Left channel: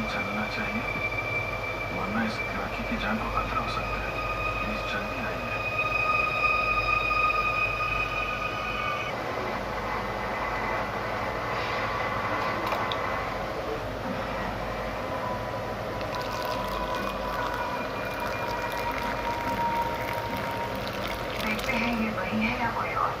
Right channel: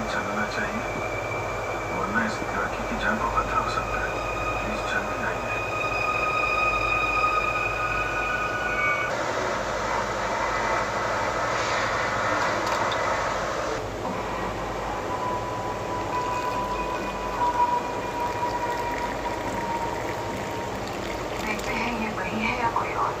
नहीं चलना चाहिए, वरना इस लड़की की जान को खतरा हो सकता है। प्लीज जल्दी आइए। देखते हैं ये वही है या कोई और।